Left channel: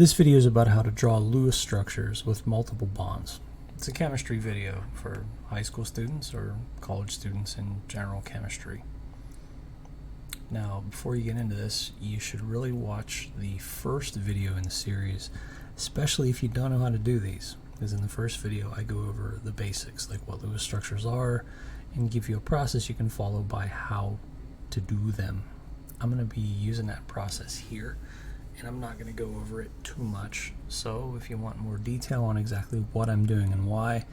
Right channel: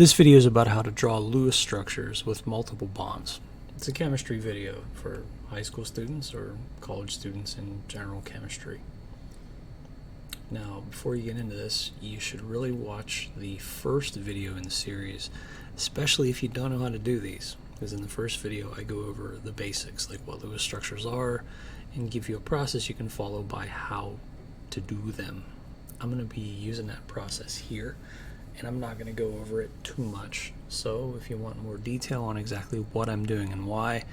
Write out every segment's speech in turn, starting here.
This video is about how to draw Lewis structures with multiple bonds. It's a chemistry video for high school students or college students in general chemistry. Now, before you get into this, you should really watch the first video in the series, especially if you don't know how to do these. Because in the first video, I go over the basics, like what Lewis structures are, and give you a process you can follow by how to do them. I'm going to be using that process here, and I'm not going to go over it too much. So if you want more detail on exactly what I'm doing and why,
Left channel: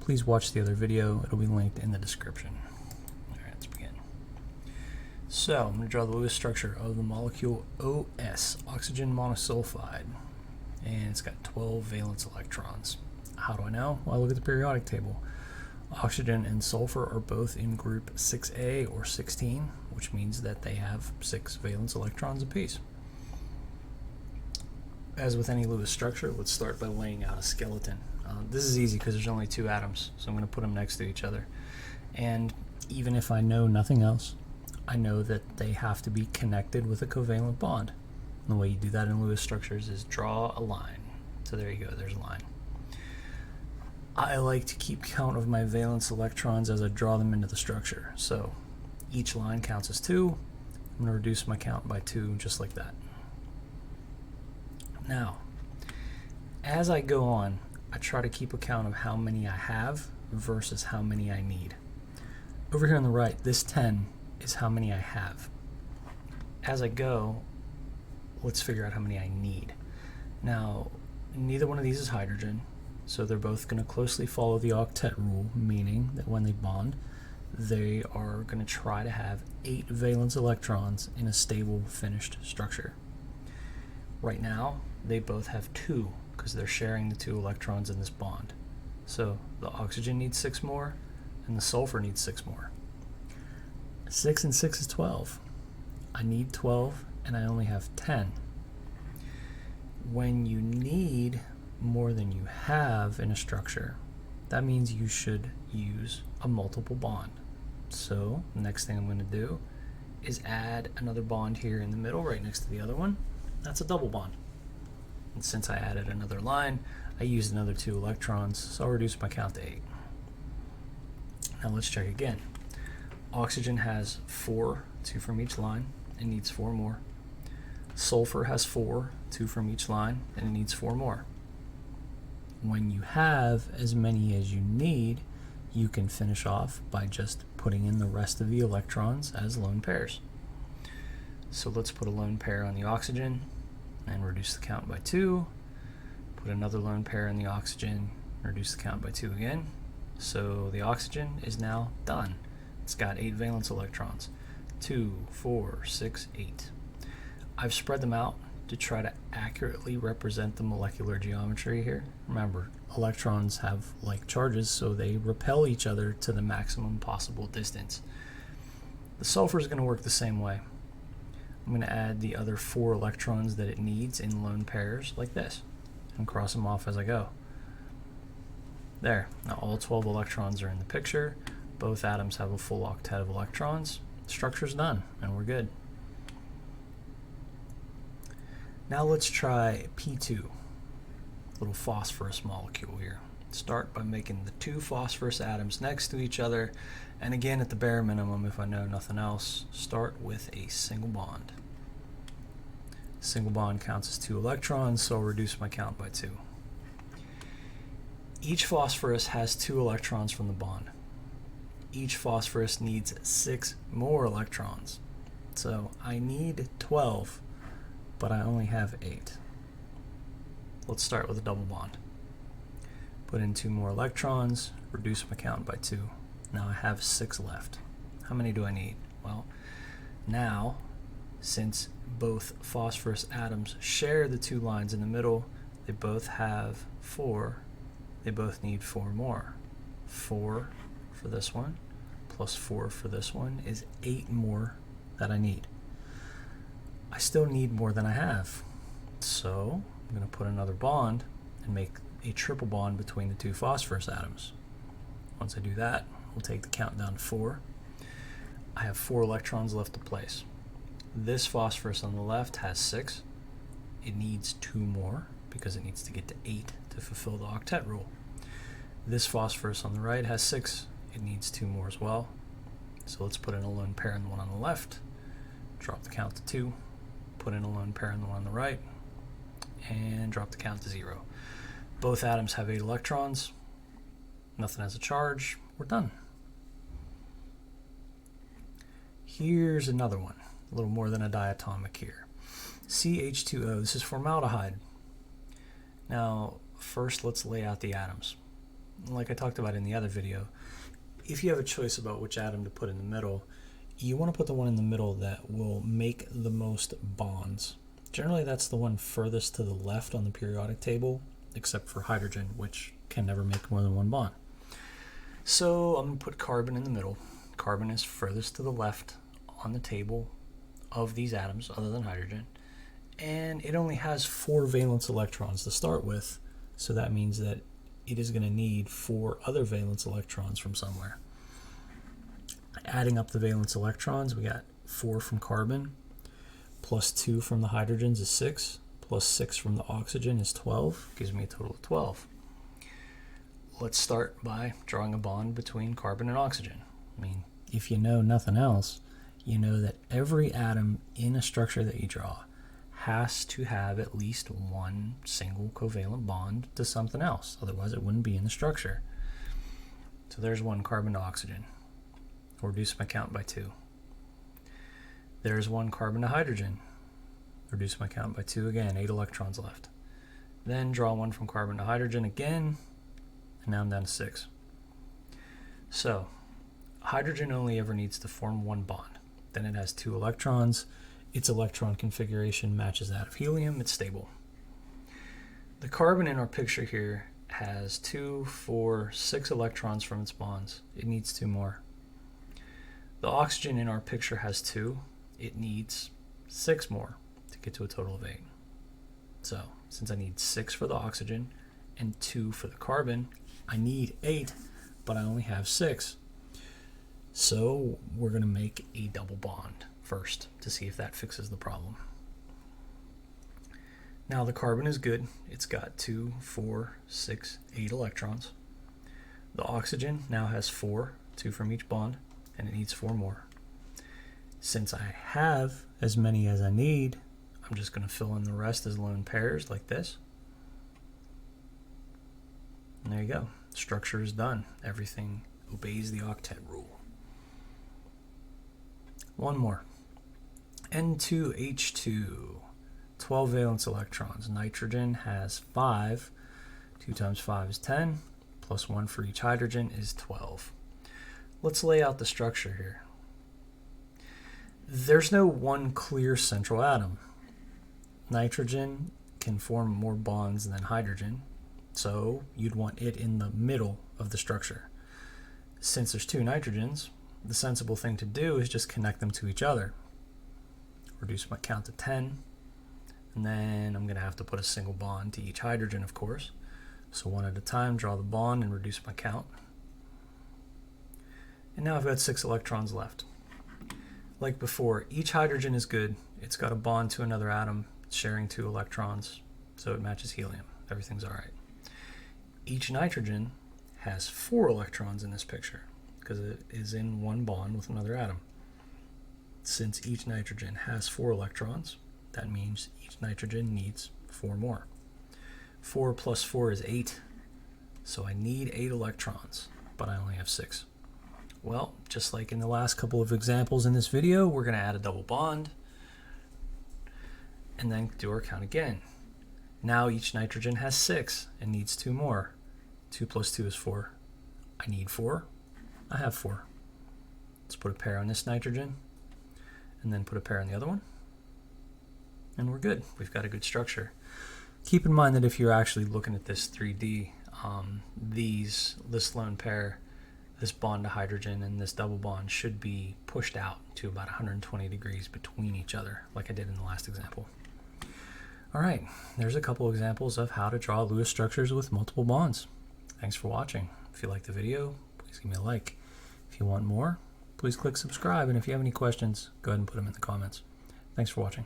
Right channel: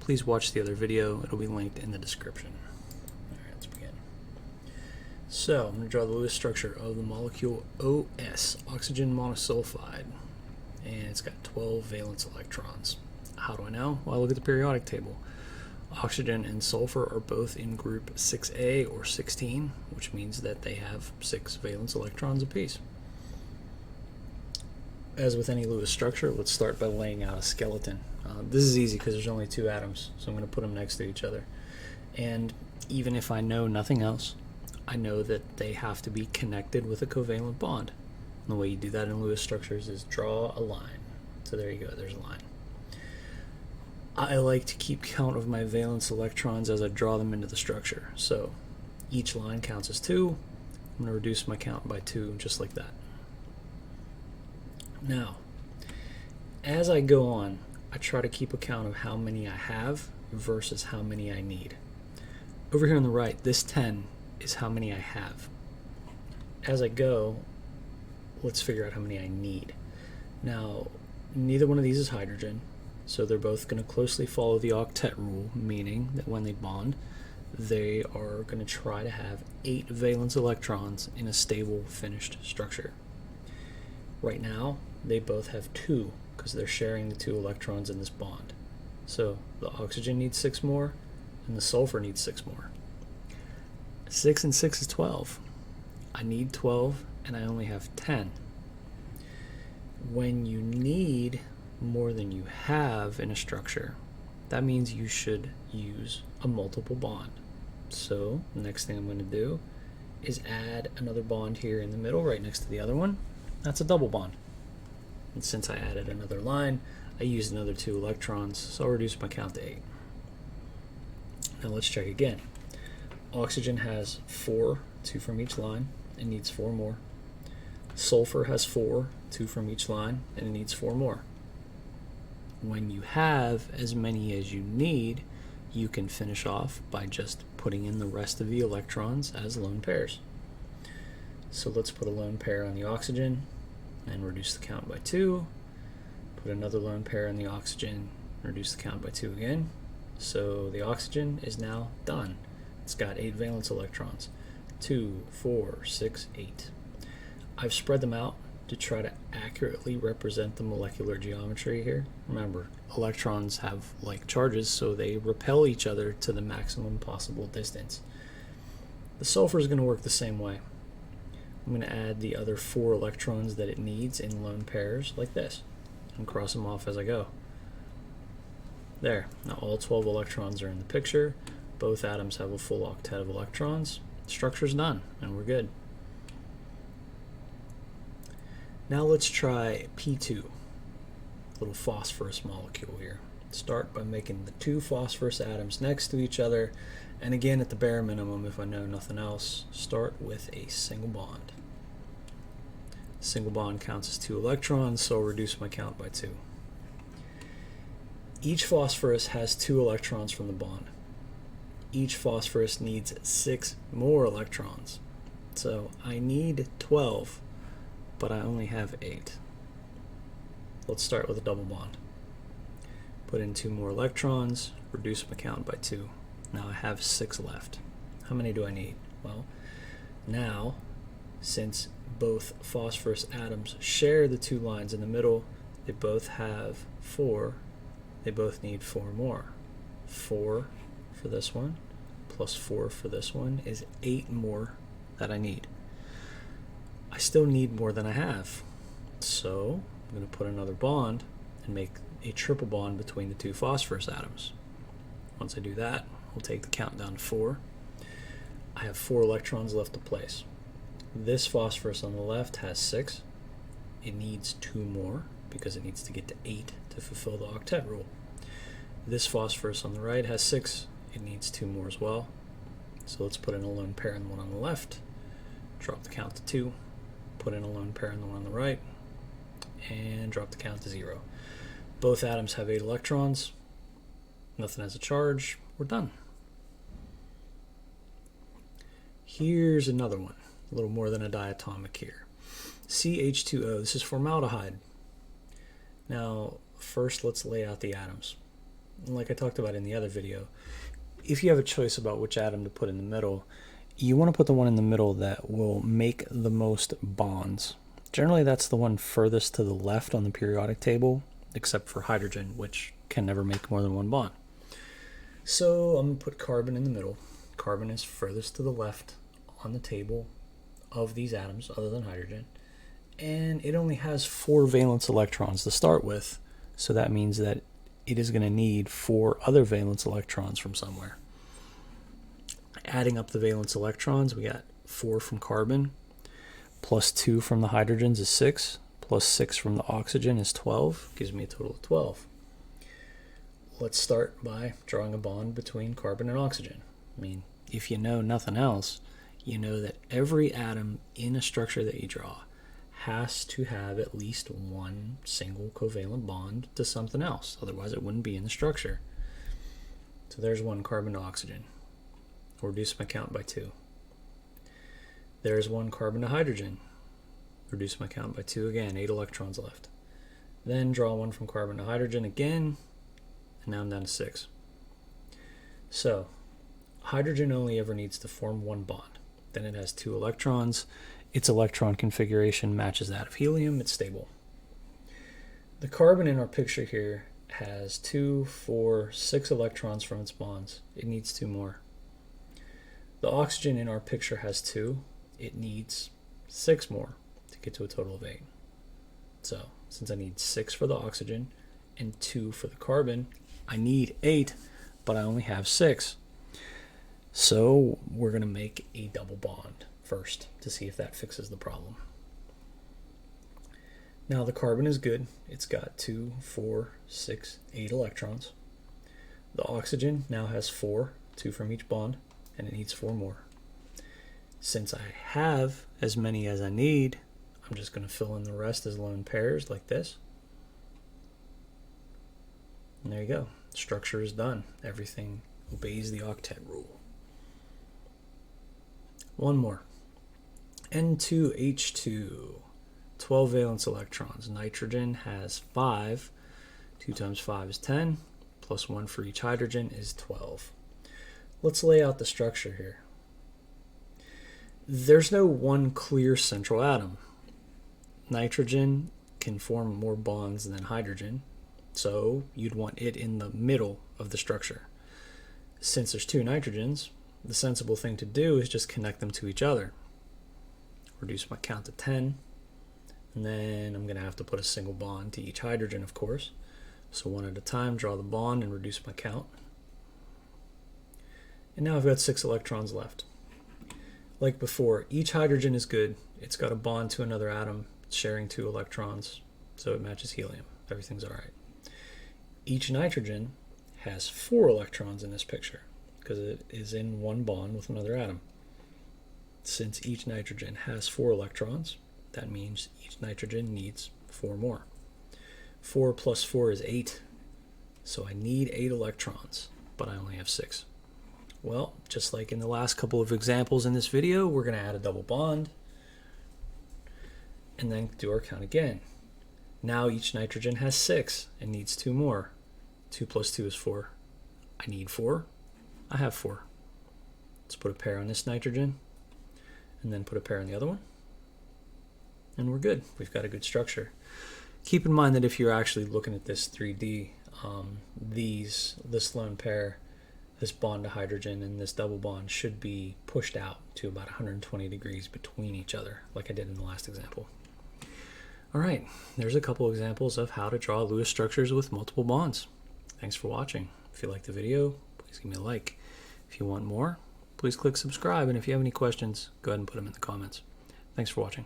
please watch the other video. It'll be linked in the description. Alright, let's begin. So I'm going to draw the Lewis structure of the molecule OS, oxygen monosulfide, and it's got 12 valence electrons. How do I know? Well, look at the periodic table. Oxygen and sulfur are both in group 6A or 16, which means that they have 6 valence electrons apiece. As with any Lewis structure, let's start by laying out a skeleton. This is easy because there's only 2 atoms, so I'm going to put them next to each other. And even if I know nothing else, I know that they have to be connected with a covalent bond. And the way you do that in Lewis structures is draw a line. So there you go, there's a line. I like to keep count of my valence electrons as I draw them into the structure. So each line counts as 2. I'm going to reduce my count by 2 just like that. Now, as I go on, I try to keep a count of how many I have versus how many I need. Over here on the right, this 10 is how many I have. As I go, let's figure out how many I need. Now, neither one of these is hydrogen, so they're both going to closely follow the octet rule, meaning that when they bond, they are going to try to have 8 valence electrons in a stable, finished structure. Right now, they both have 2 because they're sharing the 2 electrons in this bond. So the oxygen needs 6 more and the sulfur needs 6 more. 6 and 6 is 12. I need 12 and I only have 10. When you need more than you have in a structure, that means you should use a multiple bond. So the next thing I'm going to do is add another bond here in the middle right next to the other one. That's a double bond. And since I added another line, I used another 2 electrons, so I'll reduce my count to 8. Now let's check again. Oxygen has 4, 2 from each line, it needs 4 more. Sulfur has 4, 2 from each line, and it needs 4 more. When you have as many as you need, you can finish off by just putting in the rest of the electrons as lone pairs. So let's put a lone pair on the oxygen and reduce the count by 2. Put another lone pair on the oxygen, reduce the count by 2 again. So the oxygen is now done. It's got 8 valence electrons. 2, 4, 6, 8. I've spread them out to try to accurately represent the molecular geometry here. Remember, electrons have like charges, so they repel each other to the maximum possible distance. The sulfur is going to work the same way. I'm going to add the other 4 electrons that it needs in lone pairs like this and cross them off as I go. There. Now all 12 electrons are in the picture. Both atoms have a full octet of electrons. Structure's done, and we're good. Now let's try P2, a little phosphorus molecule here. Start by making the 2 phosphorus atoms next to each other, and again at the bare minimum, if I know nothing else, start with a single bond. Single bond counts as 2 electrons, so I'll reduce my count by 2. Each phosphorus has 2 electrons from the bond. Each phosphorus needs 6 more electrons. So I need 12, but I only have 8. Let's start with a double bond. Put in 2 more electrons, reduce my count by 2. Now I have 6 left. How many do I need? Well, now, since both phosphorus atoms share the 2 lines in the middle, they both have 4. They both need 4 more. 4 for this one, plus 4 for this one is 8 more that I need. I still need more than I have. So I'm going to put another bond and make a triple bond between the 2 phosphorus atoms. Once I do that, we'll take the count down to 4. I have 4 electrons left to place. This phosphorus on the left has 6. It needs 2 more. because it needs to get to 8 to fulfill the octet rule. This phosphorus on the right has 6. It needs 2 more as well. So let's put in a lone pair in the one on the left, drop the count to 2, put in a lone pair in the one on the right, and drop the count to 0. Both atoms have 8 electrons. Nothing has a charge. We're done. Here's another one, a little more than a diatomic here. CH2O, this is formaldehyde. Now, first let's lay out the atoms. Like I talked about in the other video, if you have a choice about which atom to put in the middle, you want to put the one in the middle that will make the most bonds. Generally, that's the one furthest to the left on the periodic table, except for hydrogen, which can never make more than one bond. So I'm going to put carbon in the middle. Carbon is furthest to the left on the table of these atoms, other than hydrogen. And it only has 4 valence electrons to start with, so that means that it is going to need 4 other valence electrons from somewhere. Adding up the valence electrons, we got 4 from carbon, plus 2 from the hydrogens is 6, plus 6 from the oxygen is 12, gives me a total of 12. Let's start by drawing a bond between carbon and oxygen. I mean, if you know nothing else, you know that every atom in a structure that you draw has to have at least one single covalent bond to something else. Otherwise, it wouldn't be in the structure. So there's 1 carbon to oxygen. I'll reduce my count by 2. There's 1 carbon to hydrogen. Reduce my count by 2 again, 8 electrons left. Then draw 1 from carbon to hydrogen again, and now I'm down to 6. So hydrogen only ever needs to form 1 bond. Then it has 2 electrons. Its electron configuration matches that of helium. It's stable. The carbon in our picture here has 2, 4, 6 electrons from its bonds. It needs 2 more. The oxygen in our picture has 2. It needs 6 more to get to a total of 8. So since I need 6 for the oxygen and 2 for the carbon, I need 8, but I only have 6. So we're going to make a double bond first to see if that fixes the problem. Now the carbon is good. It's got 2, 4, 6, 8 electrons. The oxygen now has 4, 2 from each bond, and it needs 4 more. Since I have as many as I need, I'm just going to fill in the rest as lone pairs like this. And there you go. The structure is done. Everything obeys the octet rule. One more. N2H2, 12 valence electrons. Nitrogen has 5. 2 times 5 is 10, plus 1 for each hydrogen is 12. Let's lay out the structure here. There's no one clear central atom. Nitrogen can form more bonds than hydrogen, so you'd want it in the middle of the structure. Since there's 2 nitrogens, the sensible thing to do is just connect them to each other. Reduce my count to 10, and then I'm going to have to put a single bond to each hydrogen, of course. So one at a time, draw the bond and reduce my count. And now I've got 6 electrons left. Like before, each hydrogen is good. It's got a bond to another atom, sharing 2 electrons, so it matches helium. Everything's all right. Each nitrogen has 4 electrons in this picture because it is in one bond with another atom. Since each nitrogen has 4 electrons, that means each nitrogen needs 4 more. 4 plus 4 is 8, so I need 8 electrons, but I only have 6. Well, just like in the last couple of examples in this video, we're going to add a double bond and then do our count again. Now each nitrogen has 6 and needs 2 more. 2 plus 2 is 4. I need 4. I have 4. Let's put a pair on this nitrogen and then put a pair on the other one. And we're good. We've got a good structure. Keep in mind that if you're actually looking at this 3D, this lone pair, this bond to hydrogen and this double bond should be pushed out to about 120 degrees between each other, like I did in the last example. All right, there's a couple examples of how to draw Lewis structures with multiple bonds. Thanks for watching. If you liked the video, please give me a like. If you want more, please click subscribe, and if you have any questions, go ahead and put them in the comments. Thanks for watching.